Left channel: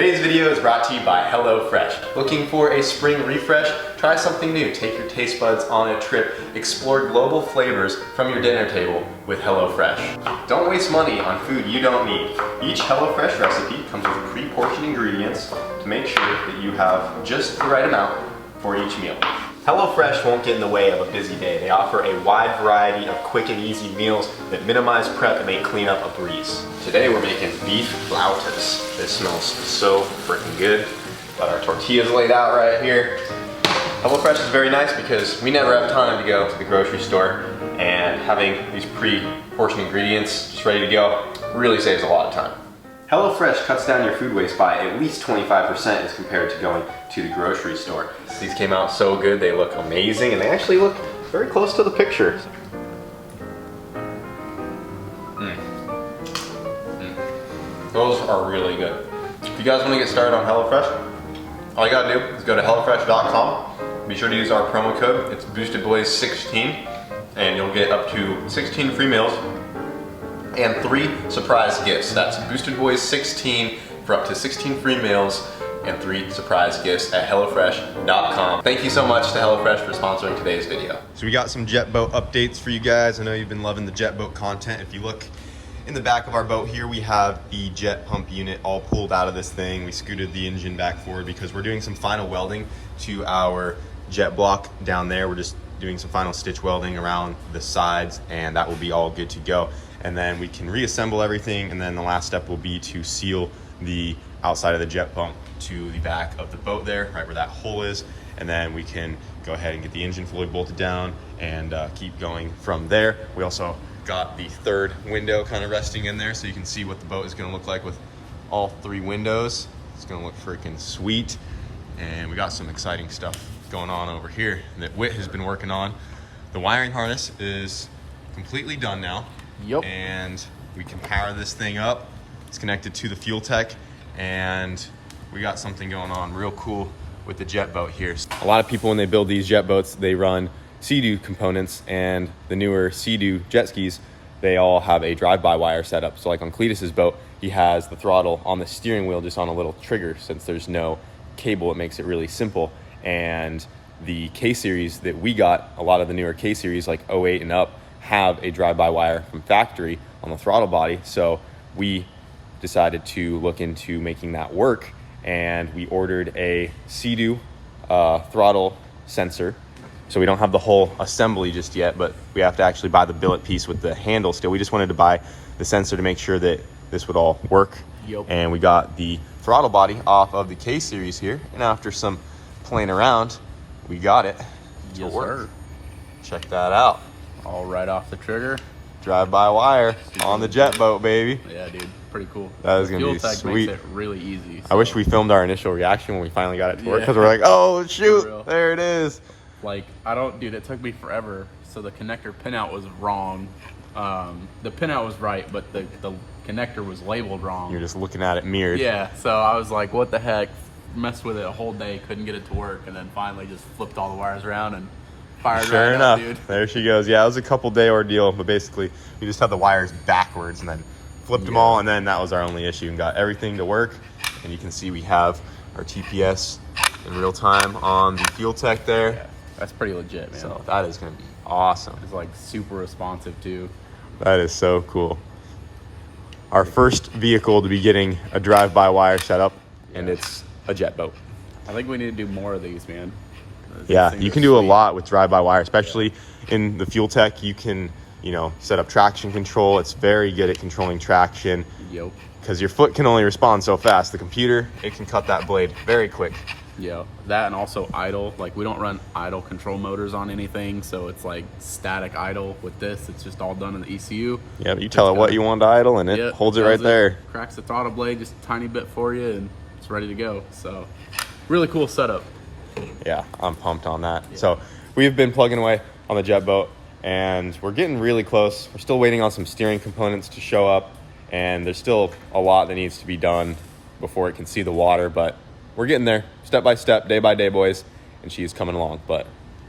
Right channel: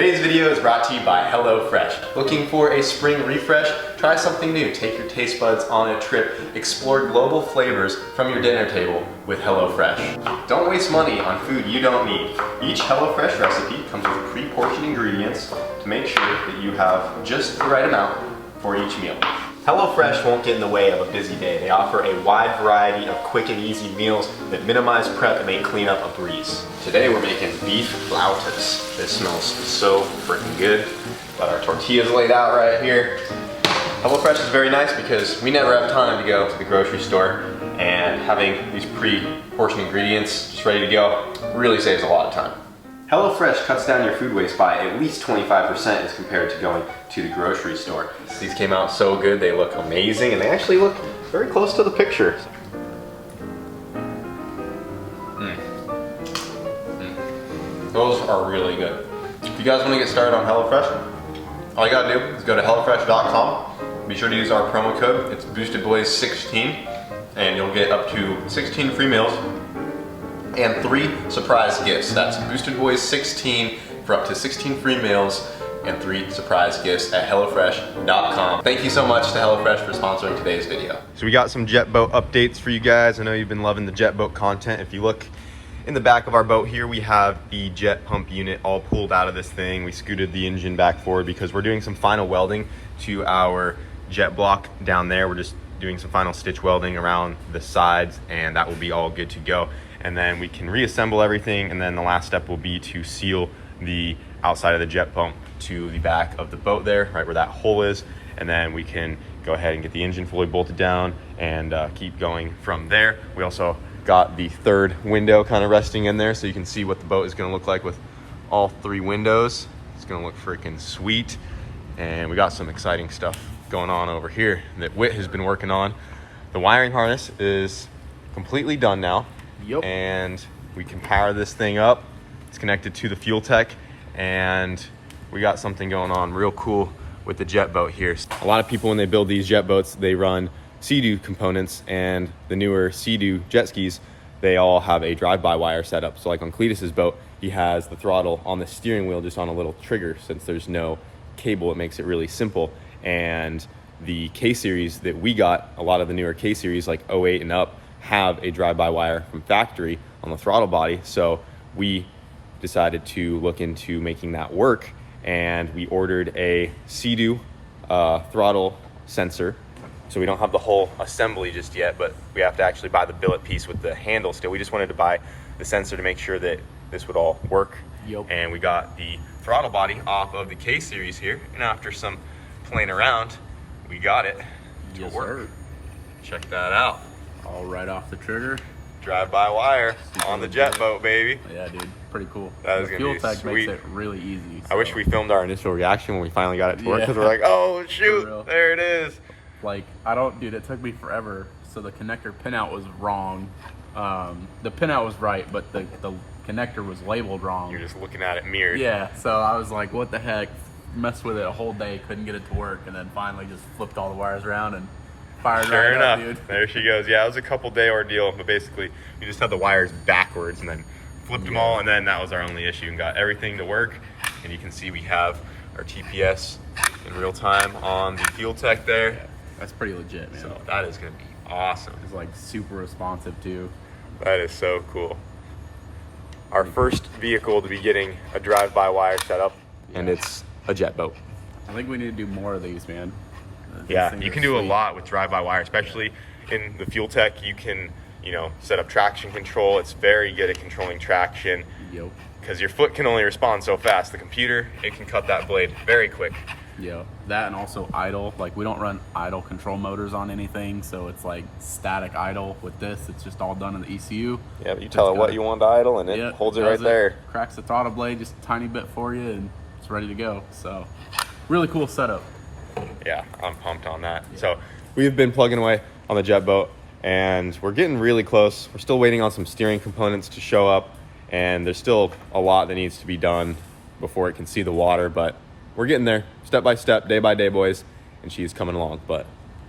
Today's video is brought to you by HelloFresh. Looking for a spring refresh? Try something new. Take your taste buds on a trip. Explore global flavors from your dinner table with HelloFresh. Don't waste money on food you don't need. Each HelloFresh recipe comes with pre-portioned ingredients to make sure that you have just the right amount for each meal. HelloFresh won't get in the way of a busy day. They offer a wide variety of quick and easy meals that minimize prep and make cleanup a breeze. Today we're making beef flautas. This smells so freaking good. Got our tortillas laid out right here. HelloFresh is very nice because we never have time to go to the grocery store, and having these pre-portioned ingredients just ready to go really saves a lot of time. HelloFresh cuts down your food waste by at least 25% as compared to going to the grocery store. These came out so good, they look amazing, and they actually look very close to the picture. Those are really good. If you guys want to get started on HelloFresh, all you gotta do is go to HelloFresh.com. Be sure to use our promo code. It's BoostedBoys16, and you'll get up to 16 free meals and 3 surprise gifts. That's BoostedBoys16 for up to 16 free meals and 3 surprise gifts at HelloFresh.com. Thank you so much to HelloFresh for sponsoring today's video. So we got some jet boat updates for you guys. I know you've been loving the jet boat content. If you look in the back of our boat here, we have the jet pump unit all pulled out of this thing. We scooted the engine back forward because we're doing some final welding to our jet block down there. We're just doing some final stitch welding around the sides, and that will be all good to go. And then we can reassemble everything, and then the last step will be to seal the outside of the jet pump to the back of the boat there, right where that hole is, and then we can go ahead and get the engine fully bolted down and keep going from there. We also got the third window kind of resting in there, so you can see what the boat is going to look like with all 3 windows. It's going to look freaking sweet. And we got some exciting stuff going on over here that Whit has been working on. The wiring harness is completely done now. Yep. And we can power this thing up. It's connected to the fuel tech, and we got something going on real cool with the jet boat here. A lot of people, when they build these jet boats, they run Sea-Doo components, and the newer Sea-Doo jet skis, they all have a drive-by wire setup. So like on Cletus's boat, he has the throttle on the steering wheel just on a little trigger. Since there's no cable, it makes it really simple. And the K-Series that we got, a lot of the newer K-Series like 08 and up, have a drive-by wire from factory on the throttle body. So we decided to look into making that work, and we ordered a Sea-Doo throttle sensor. So we don't have the whole assembly just yet, but we have to actually buy the billet piece with the handle still. We just wanted to buy the sensor to make sure that this would all work. Yep. And we got the throttle body off of the K-Series here, and after some playing around, we got it to work. Check that out. All right off the trigger. Drive-by wire on the jet boat, baby. Yeah, dude, pretty cool. That is the gonna fuel be tech sweet. makes it really easy. So. I wish we filmed our initial reaction when we finally got it to work, because we're like, oh shoot, there it is. Like, dude, it took me forever. So the connector pinout was wrong. The pinout was right, but the connector was labeled wrong. You're just looking at it mirrored. Yeah, so I was like, what the heck? Messed with it a whole day, couldn't get it to work, and then finally just flipped all the wires around and fired right up, dude. There she goes. Yeah, it was a couple day ordeal, but basically we just had the wires backwards and then flipped them all, and then that was our only issue, and got everything to work. And you can see we have our TPS in real time on the fuel tech there. That's pretty legit, man. So that is going to be awesome. It's like super responsive too. That is so cool. Our first vehicle to be getting a drive-by wire setup, and it's a jet boat. I think we need to do more of these, man. Yeah, you can do a lot with drive-by wire, especially in the fuel tech. You can, set up traction control. It's very good at controlling traction. Yep. Because your foot can only respond so fast. The computer, it can cut that blade very quick. Yeah, that, and also idle. Like, we don't run idle control motors on anything, so it's like static idle. With this, it's just all done in the ECU. Yep, you tell it what you want to idle, and it holds it right there. Cracks the throttle blade just a tiny bit for you, and it's ready to go. So, really cool setup. Yeah, I'm pumped on that. Yeah. So we've been plugging away on the jet boat, and we're getting really close. We're still waiting on some steering components to show up, and there's still a lot that needs to be done before it can see the water, but we're getting there step by step, day by day, boys, and she's coming along. But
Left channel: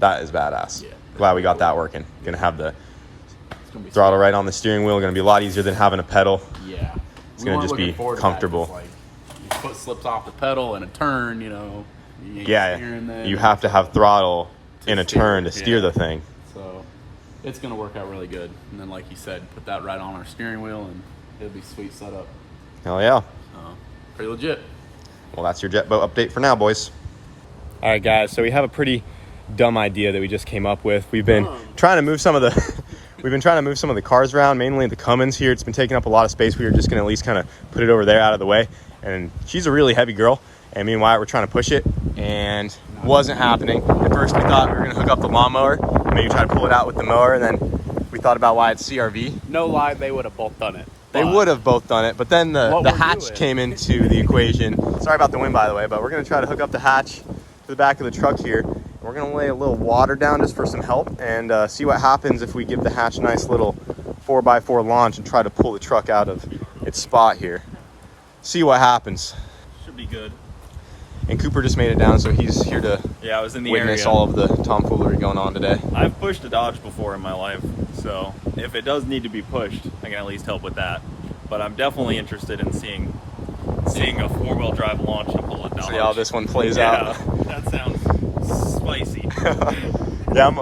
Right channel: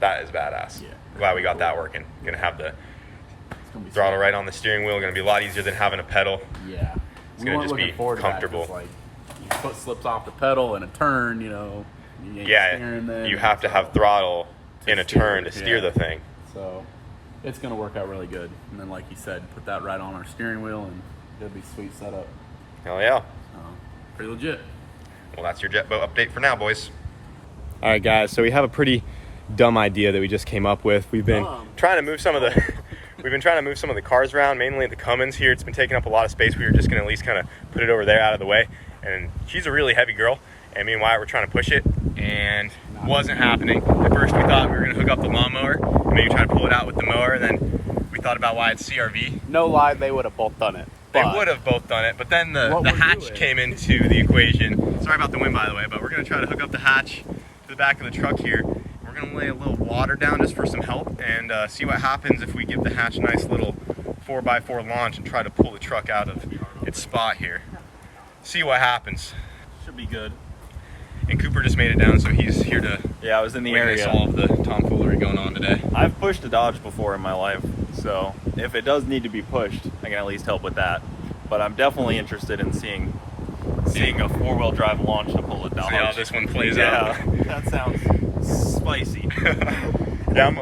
that is badass. Yeah, glad we got that working. Gonna have the throttle right on the steering wheel. Gonna be a lot easier than having a pedal. Yeah, it's gonna just be comfortable. Like, your foot slips off the pedal in a turn, you know, you ain't steering then. You have to so, have throttle in a steer, turn to steer the thing. So it's gonna work out really good. And then, like you said, put that right on our steering wheel, and it'll be sweet setup. Hell yeah. Pretty legit. Well, that's your jet boat update for now, boys. All right, guys. So we have a pretty dumb idea that we just came up with. We've been trying to move some of the cars around, mainly the Cummins here. It's been taking up a lot of space. We were just gonna at least kind of put it over there out of the way. And she's a really heavy girl, and me and Wyatt were trying to push it, and wasn't happening. At first we thought we were gonna hook up the lawnmower and maybe try to pull it out with the mower, and then we thought about Wyatt's CRV. No lie, they would have both done it. They would have both done it, but then the hatch came into the equation. Sorry about the wind, by the way, but we're gonna try to hook up the hatch to the back of the truck here. We're gonna lay a little water down just for some help, and see what happens if we give the hatch a nice little 4x4 launch and try to pull the truck out of its spot here. See what happens. Should be good. And Cooper just made it down, so he's here to Yeah, I was in the witness area. all of the tomfoolery going on today. I've pushed a Dodge before in my life, so if it does need to be pushed, I can at least help with that. But I'm definitely interested in seeing a four-wheel drive launch to pull it down. See how this one plays out. That sounds spicy. Yeah,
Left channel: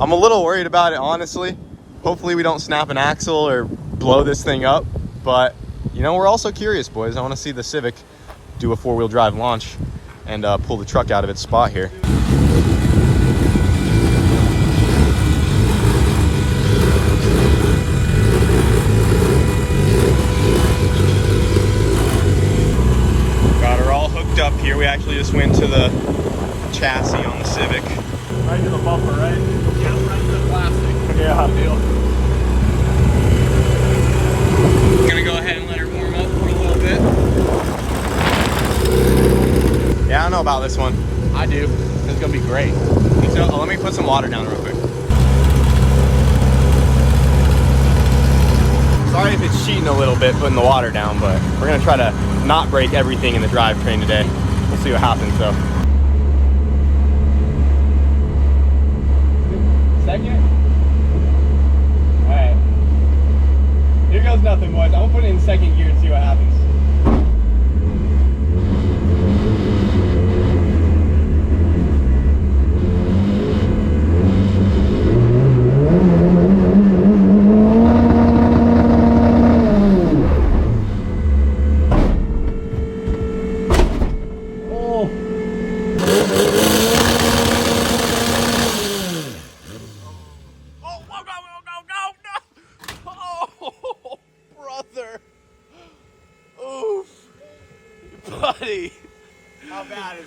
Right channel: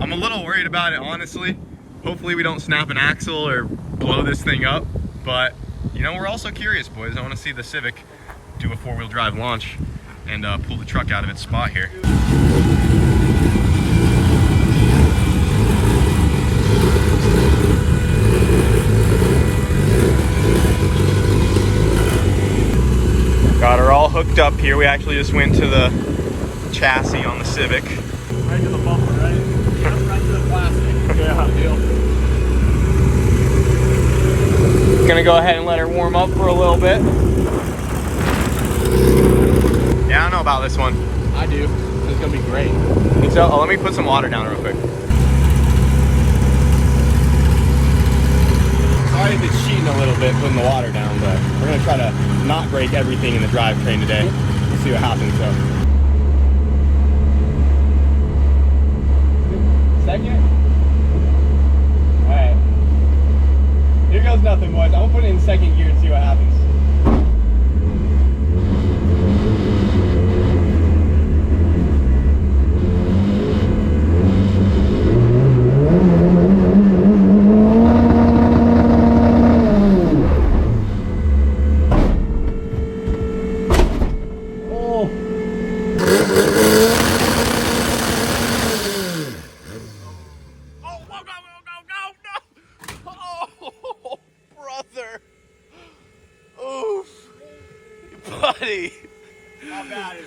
I'm a little worried about it, honestly. Hopefully we don't snap an axle or blow this thing up, but you know, we're also curious, boys. I want to see the Civic do a four-wheel drive launch and pull the truck out of its spot here. Got her all hooked up here. We actually just went to the chassis on the Civic. Right to the bumper, right? Yeah, right to the plastic. Yeah, deal. Gonna go ahead and let her warm up for a little bit. Yeah, I don't know about this one. I do. It's gonna be great. Think so? Oh, let me put some water down real quick. Sorry if it's cheating a little bit putting the water down, but we're gonna try to not break everything in the drivetrain today. We'll see what happens though. Second? Alright. Here goes nothing, boys. I'm gonna put it in second gear and see what happens.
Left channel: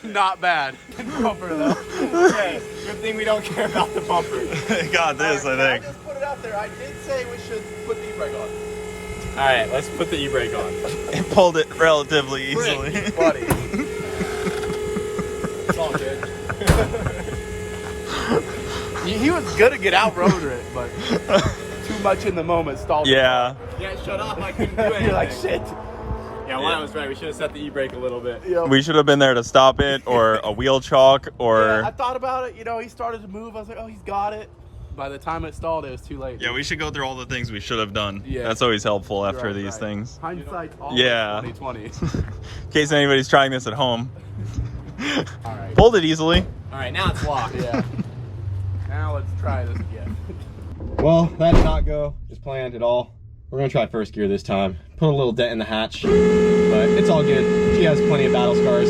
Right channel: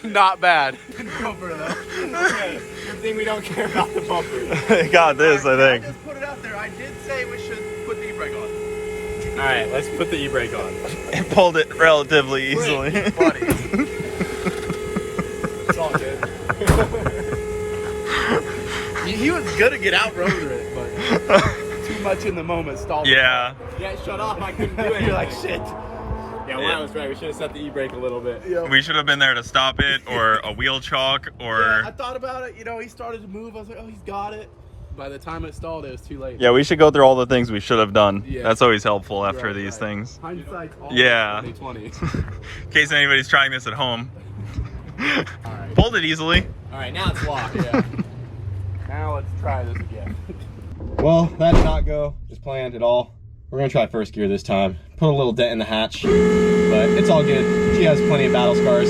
Not bad. Bumper though. Okay. Good thing we don't care about the bumper. Got this, I think. Just put it out there. I did say we should put the e-brake on. Alright, let's put the e-brake on. It pulled it relatively easily. Buddy. It's all good. he was good to get out rotor it, but too much in the moment stalled. Yeah. Yeah, shut off. I couldn't do it. Like shit. Yeah, Wyatt was right. We should have set the e-brake a little bit. Yep. We should have been there to stop it, or a wheel chalk, or... Yeah, I thought about it. You know, he started to move. I was like, oh, he's got it. By the time it stalled, it was too late. Yeah, we should go through all the things we should have done. Yeah. That's always helpful after Right, these things. Hindsight's all Yeah. 2020. In case anybody's trying this at home. All right. Pulled it easily. All right, now it's locked. Yeah. Now let's try this again. Well, that did not go as planned at all. We're gonna try first gear this time. Put a little dent in the hatch, but it's all good. She has plenty of battle scars.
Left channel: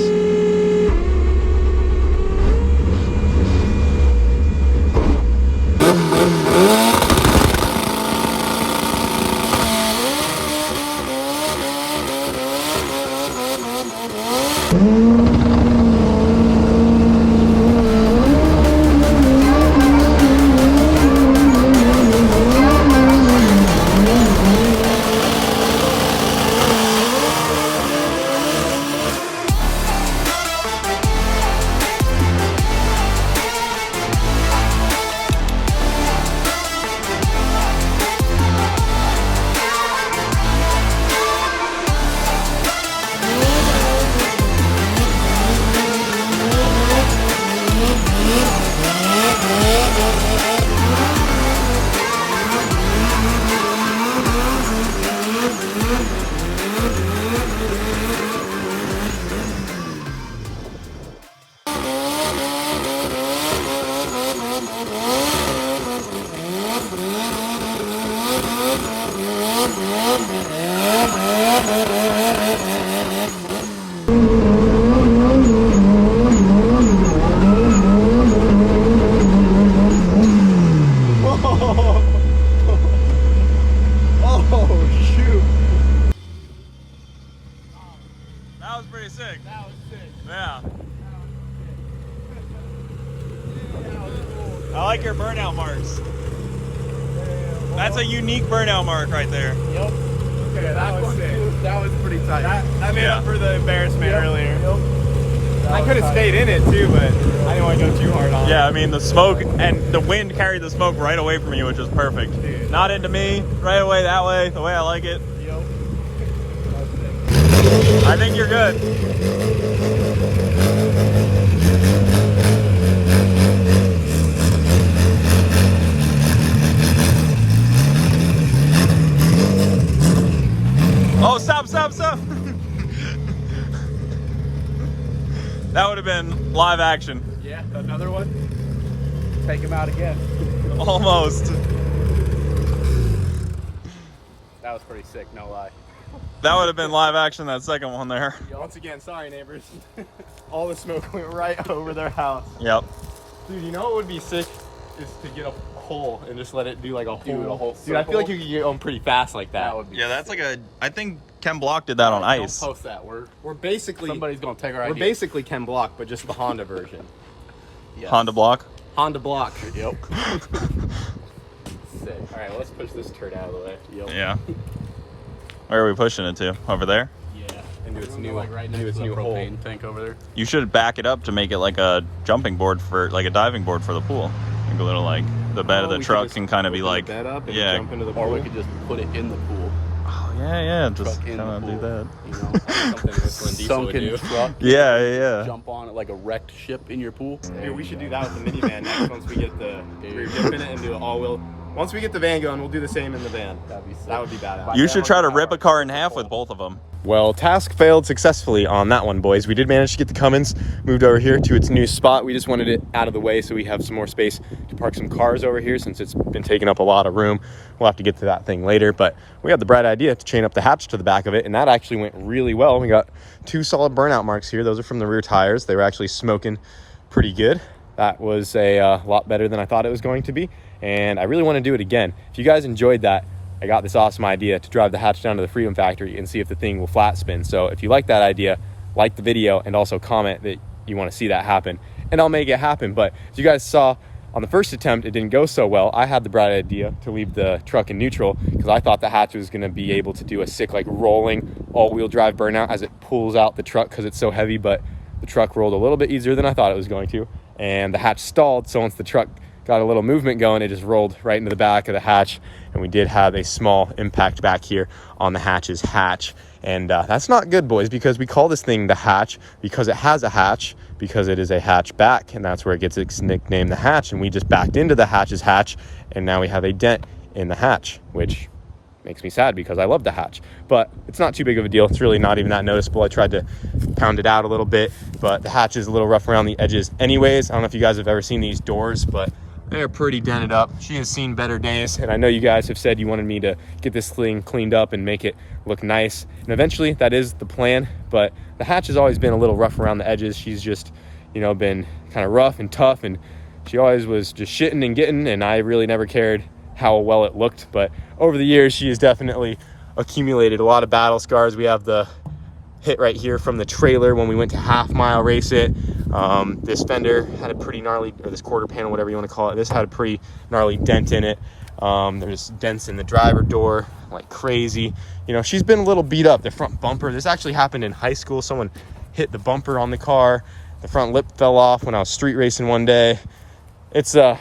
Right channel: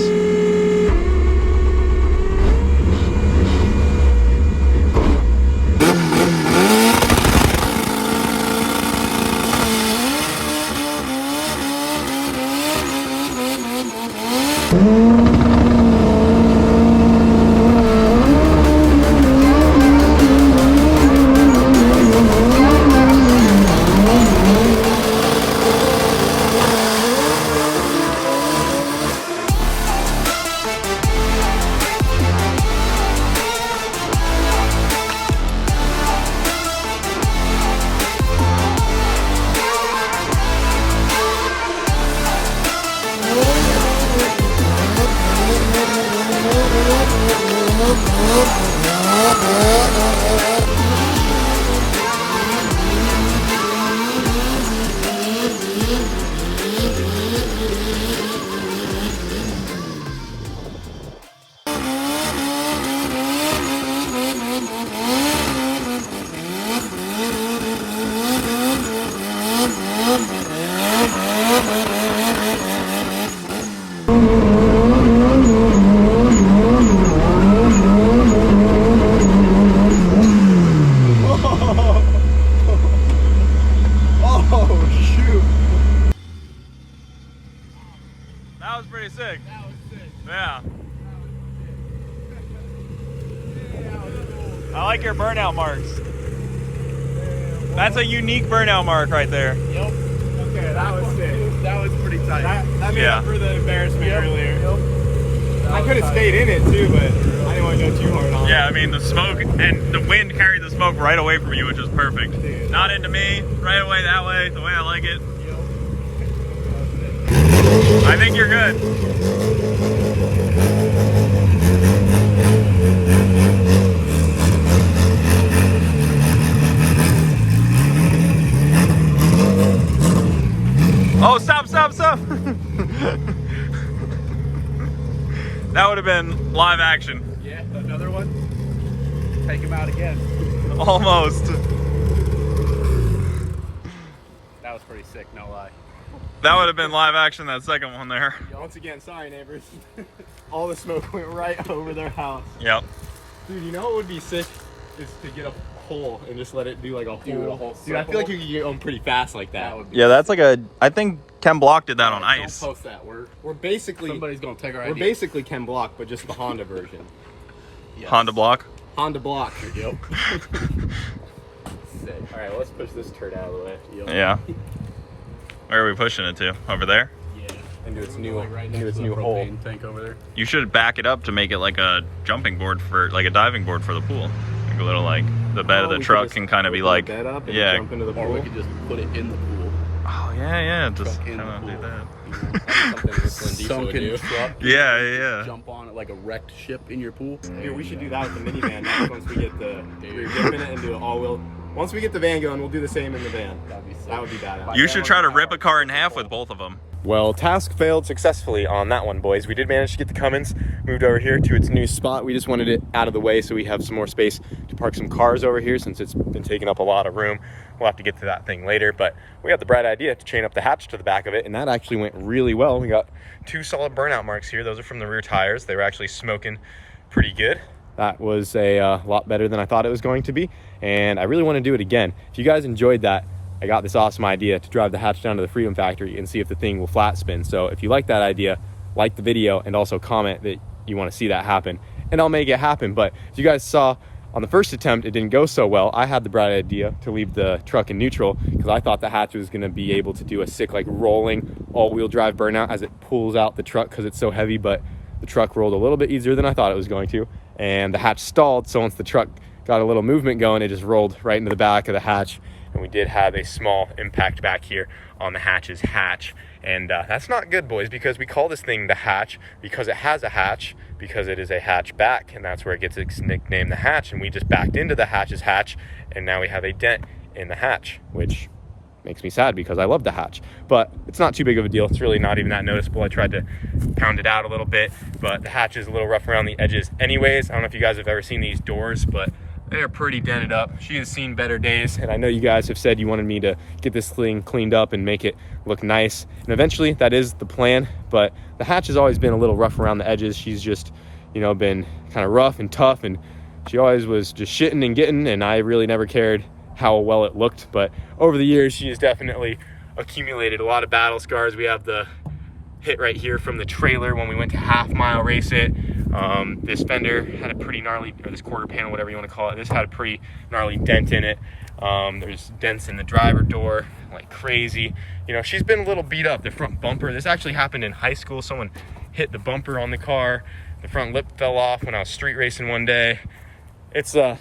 like your burnout marks. That's a unique burnout mark right there. Yep. Okay, that was sick. That was pretty tight. That made up for the embarrassment earlier. I could have stayed in it too, but I didn't want to go too hard on it. Yeah, I mean the smoke and the wind carried the smoke right away from you, which was perfect. Dude. Not into me, right away that way, the way I like it. I think you're good. Oh, stop. That would have been live action. Yeah, another one. Take him out again. Almost. That was pretty sick, no lie. That would have been live action, that second one there. Once again, sorry neighbors. All the smoke went right over their house. Yep. Dude, you know what would be sick is to get a hole and just let it do like a whole. Dude, I feel like you could get on pretty fast like that. would be Yeah, that's like I think Ken Block did that on ice. Don't post that. We're basically Somebody's gonna take our we're idea. basically Ken Block, but just the Honda version. Yes. Honda Block. Honda Block. Yep. All right, let's push this turd out of the way. Yep. Yeah. Where are we pushing it to? Over there? Yeah. Into its new, Like right into next its to the new hole. propane tank over there. You should back it up to make it like a jumping board for, like a diving board for the pool. Like a little, like, the bed of the we could truck just can kind of be open like, the bed up and yeah. jump into the Or we pool. could just put it in the pool. Oh, yeah, just Truck in kind the of do pool. that. You know, something Whistling Diesel would do. Sunken truck. Yeah. Jump on it like a wrecked ship in your pool. Dude, we should do that with the minivan next once we get the rear dip in it and do an all-wheel. Once we get the van going, we'll do the same in the van. That'd be sick. That would be badass. You should try to rip a car in half with both of them. Well, task failed successfully on that one, boys. We did manage to get the Cummins moved over here to its new spot. We just wanted it out of the way so we have some more space to park some cars over here since it's been taking up a lot of room. We'll have to get to that thing later, but we had the bright idea to chain up the hatch to the back of it, and that actually went really well. We got 2 solid burnout marks here. Those are from the rear tires. They were actually smoking pretty good. That was a lot better than I thought it was going to be, and I really want to do it again. If you guys enjoyed that, I got this awesome idea to drive the hatch down to the Freedom Factory and see if the thing will flat spin. So if you like that idea, like the video and also comment that you want to see that happen, and I'll make it happen. But if you guys saw on the first attempt, it didn't go so well. I had the bright idea to leave the truck in neutral because I thought the hatch was going to be able to do a sick, like, rolling all-wheel drive burnout as it pulls out the truck because it's so heavy, but the truck rolled a little bit easier than I thought it was going to, and the hatch stalled. So once the truck got a little movement going, it just rolled right into the back of the hatch. And we did have a small impact back here on the hatch's hatch. And that's not good, boys, because we call this thing the hatch because it has a hatch, because it is a hatchback, and that's where it gets its nickname, the hatch. And we just backed into the hatch's hatch, and now we have a dent in the hatch, which makes me sad because I love the hatch. But it's not too big of a deal. It's really not even that noticeable. I tried to pound it out a little bit, but the hatch is a little rough around the edges anyways. I don't know if you guys have ever seen these doors, but they're pretty dented up. She has seen better days, and I know you guys have said you wanted me to get this thing cleaned up and make it look nice, and eventually that is the plan. But the hatch has always been a little rough around the edges. She's just, you know, been kind of rough and tough, and she always was just shitting and getting, and I really never cared how well it looked. But over the years, she has definitely accumulated a lot of battle scars. We have the hit right here from the trailer when we went to half-mile race it. This fender had a pretty gnarly, or this quarter panel, whatever you want to call it, this had a pretty gnarly dent in it. There's dents in the driver door like crazy. You know, she's been a little beat up. The front bumper, this actually happened in high school. Someone hit the bumper on the car. The front lip fell off when I was street racing one day. It's like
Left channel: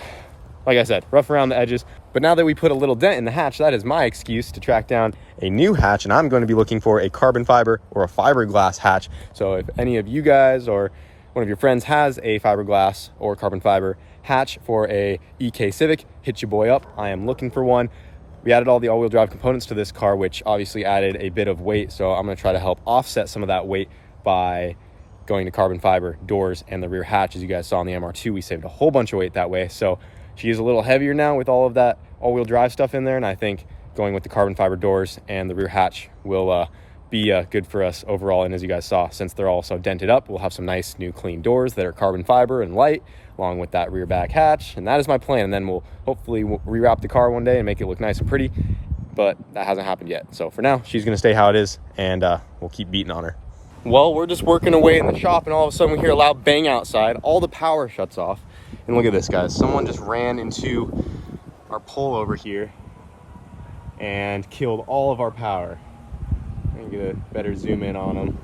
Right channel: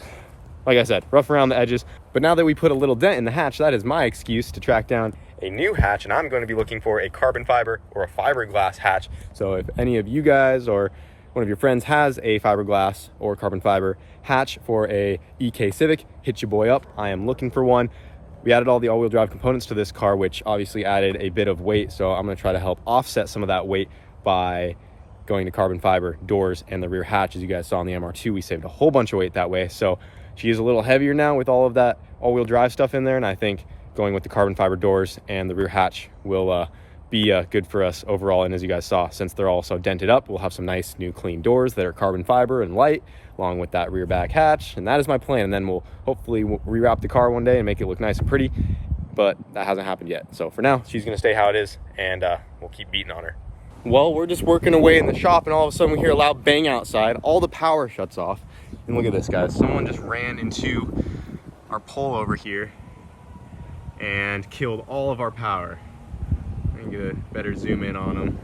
I said, rough around the edges. But now that we put a little dent in the hatch, that is my excuse to track down a new hatch, and I'm going to be looking for a carbon fiber or a fiberglass hatch. So if any of you guys or one of your friends has a fiberglass or carbon fiber hatch for a EK Civic, hit your boy up. I am looking for one. We added all the all-wheel drive components to this car, which obviously added a bit of weight. So I'm going to try to help offset some of that weight by going to carbon fiber doors and the rear hatch. As you guys saw in the MR2, we saved a whole bunch of weight that way. So she is a little heavier now with all of that all-wheel drive stuff in there, and I think going with the carbon fiber doors and the rear hatch will be good for us overall. And as you guys saw, since they're all so dented up, we'll have some nice new clean doors that are carbon fiber and light, along with that rear back hatch. And that is my plan. And then we'll hopefully rewrap the car one day and make it look nice and pretty, but that hasn't happened yet. So for now, she's gonna stay how it is, and we'll keep beating on her. Well, we're just working away in the shop, and all of a sudden we hear a loud bang outside. All the power shuts off. And look at this, guys. Someone just ran into our pole over here and killed all of our power. I'm gonna get a better zoom in on him.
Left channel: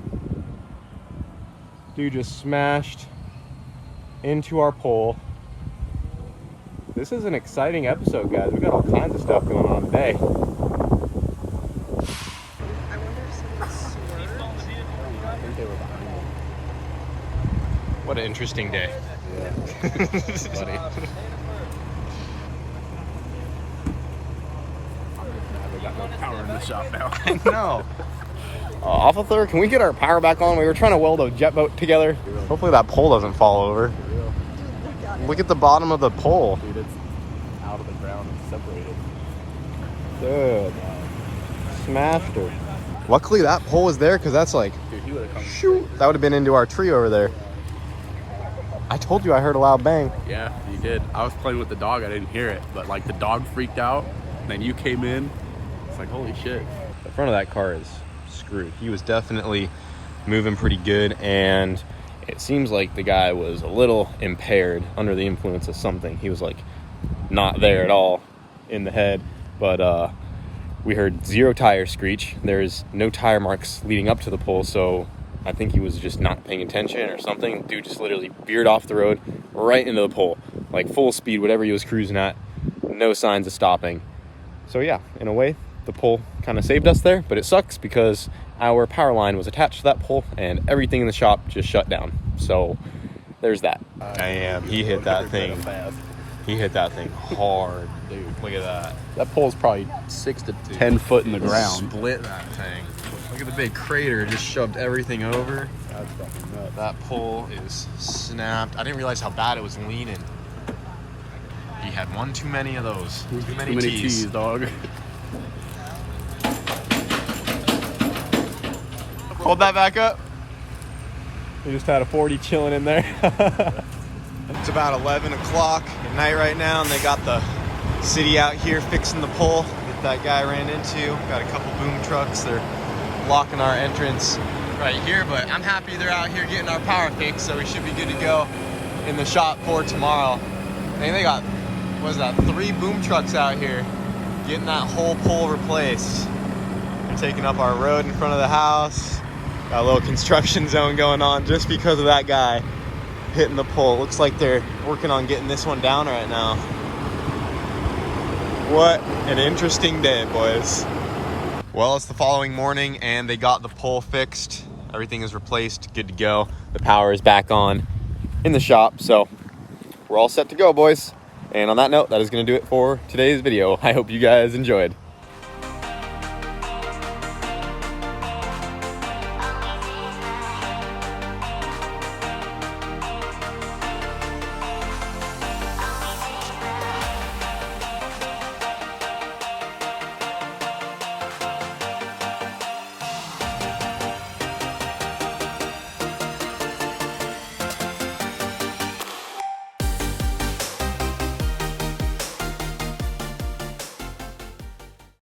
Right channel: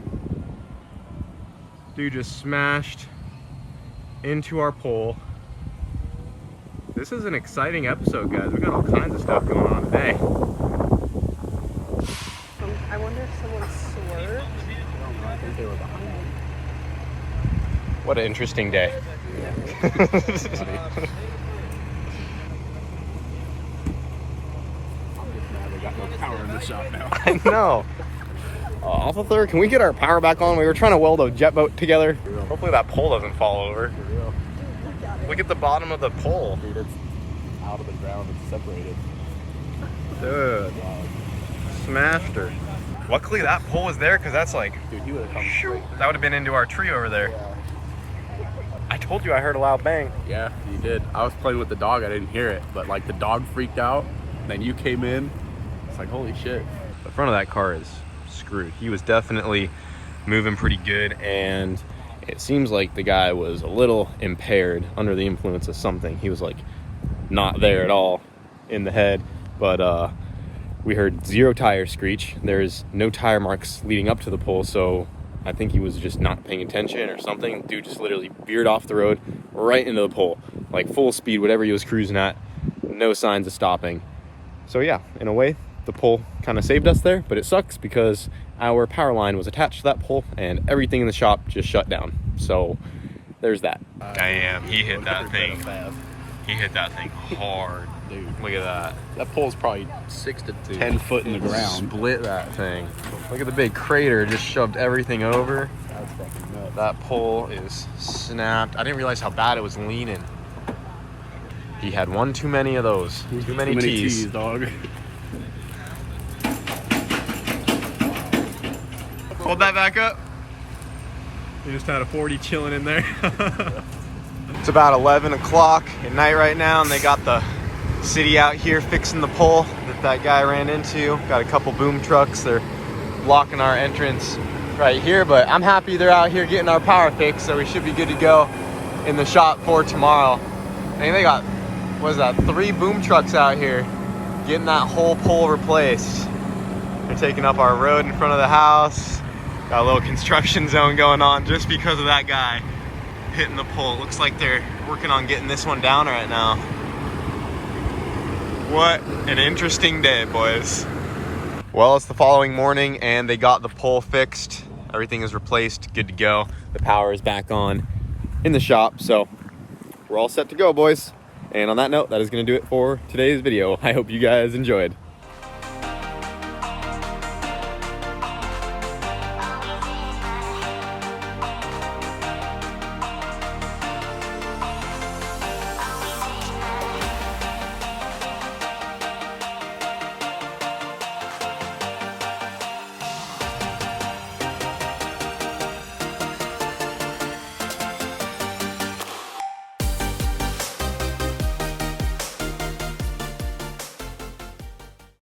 Dude just smashed into our pole. This is an exciting episode, guys. We got all kinds of stuff going on today. I wonder if someone's What an interesting day. Buddy. We got no power in the shop now. I know. Off of third, can we get our power back on? We were trying to weld a jet boat together. Hopefully that pole doesn't fall over. Look at the bottom of the pole. Dude, it's out of the ground and separated. Dude. Smashed her. Luckily that pole was there because that's like, Dude, he would've- shoot. That would have been into our tree over there. I told you I heard a loud bang. Yeah, you did. I was playing with the dog. I didn't hear it, but like the dog freaked out. Then you came in. It's like, holy shit. The front of that car is screwed. He was definitely moving pretty good, and it seems like the guy was a little impaired, under the influence of something. He was like not there at all in the head, but we heard 0 tire screech. There's no tire marks leading up to the pole, so I think he was just not paying attention or something. Dude just literally veered off the road right into the pole, like full speed, whatever he was cruising at, no signs of stopping. So yeah, in a way, the pole kind of saved us there, but it sucks because our power line was attached to that pole and everything in the shop just shut down. So there's that. Damn, he hit that thing. He hit that thing hard. Dude, Look at that. that pole's probably 6 to 10 foot in the ground. Split that thing. Look at the big crater, just shoved everything over. That pole is snapped. I didn't realize how bad it was leaning. He had one too many of those. Too many tees. Dog. Hold that back up. We just had a 40 chilling in there. It's about 11 o'clock at night right now, and they got the city out here fixing the pole that guy ran into. Got a couple boom trucks. They're blocking our entrance right here, but I'm happy they're out here getting our power fixed, so we should be good to go in the shop for tomorrow. I mean, they got, what is that, 3 boom trucks out here getting that whole pole replaced. They're taking up our road in front of the house. Got a little construction zone going on just because of that guy hitting the pole. It looks like they're working on getting this one down right now. What an interesting day, boys. Well, it's the following morning and they got the pole fixed. Everything is replaced, good to go. The power is back on in the shop, so we're all set to go, boys. And on that note, that is going to do it for today's video. I hope you guys enjoyed.